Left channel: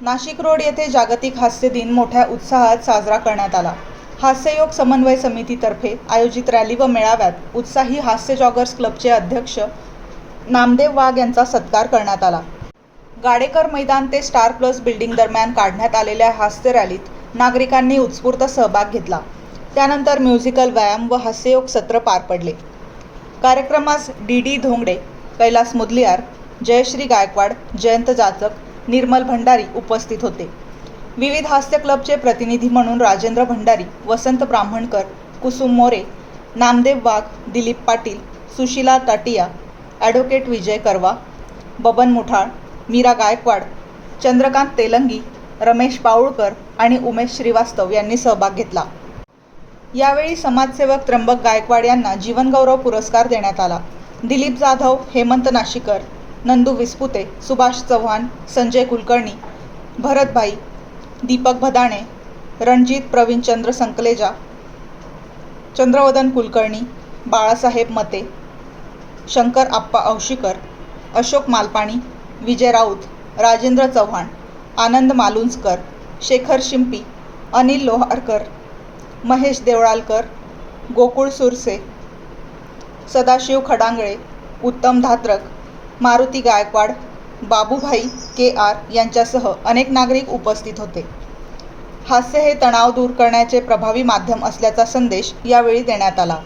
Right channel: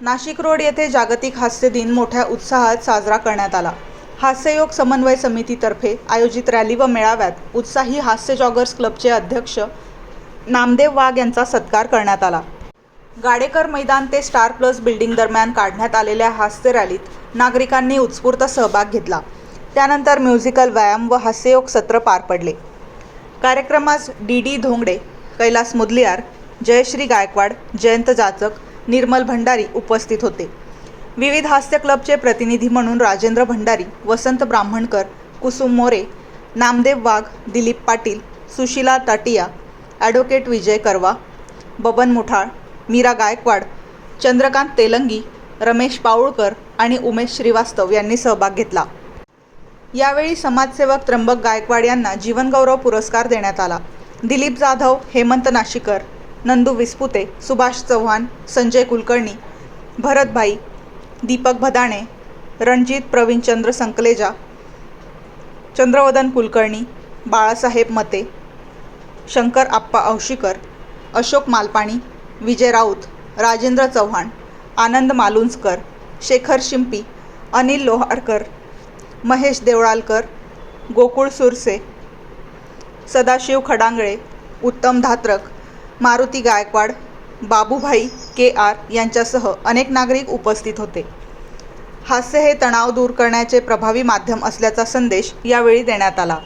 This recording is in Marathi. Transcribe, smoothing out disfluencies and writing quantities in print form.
नाशिक रोड येथे जागतिक हास्य दिन मोठ्या उत्साहात साजरा करण्यात आला. हास्ययोग समन्वय समितीतर्फे आयोजित रॅली व मेळाव्यात उत्साही हास्य जॉगर्स क्लबचे अध्यक्ष नामदेव वाघ यांचा सत्कार करण्यात आला. गाडेकर मैदान ते स्टार प्लस बिल्डिंग दरम्यान काढण्यात आलेल्या हास्य रॅलीत नागरिकांनी उत्स्फूर्त सहभाग घेतला. त्यानंतर म्युझिकल व्यायाम व हास्ययोग सत्र पार पडले. कार्यक्रमास डी धोंगडे, कैलास मुदलियार, जयश्री गायकवाड, जयंत जाचक, निर्मल भंडारी उपस्थित होते. विविध हास्य क्लबचे प्रतिनिधी म्हणून राजेंद्र भंडारी, वसंत ब्राह्मणकर, कुसुम मोरे, नामदेव वाघ, दिलीप पाटील, सुशीला टाटिया, ॲडव्होकेट विजय करवा, बबन मुठाळ, मीरा गायकवाड, चंद्रकांत तेलंगी, रमेश पाऊळकर आणि उमेश श्रीवास्तव यांनी सहभाग घेतला. यावेळी समाजसेवक त्र्यंबक गायकवाड यांना जीवनगौरव पुरस्कार देण्यात आला. दिलीप जाधव, हेमंत नाशिकर, नंदू विस्पुते, सुभाष चव्हाण, संजय कुलकर्णी, भरतभाई, दीपक भदाणे, रणजित प्रवीणचंद्र संकलेजा, चंद्रवदन कुलकर्णी, बाळासाहेब मते, शंकर आप्पा औशीकर, अशोक मालपाणी, विजय राऊत, राजेंद्र चव्हाण, आनंद मालुंजकर, शेखर शिंपी, अनिल लोहारकर, महेश देवळालकर, गोकुळ सुरसे, सदाशिव खडांगळे, उत्तम धात्रक, मारुती गायकवाड, बाबूभाई के.आर. यांच्यासह अनेक नागरिक उपस्थित होते. हास्य हे तणाव दूर करण्याचे प्रभावी माध्यम असल्याचा संदेश यावेळी देण्यात आला.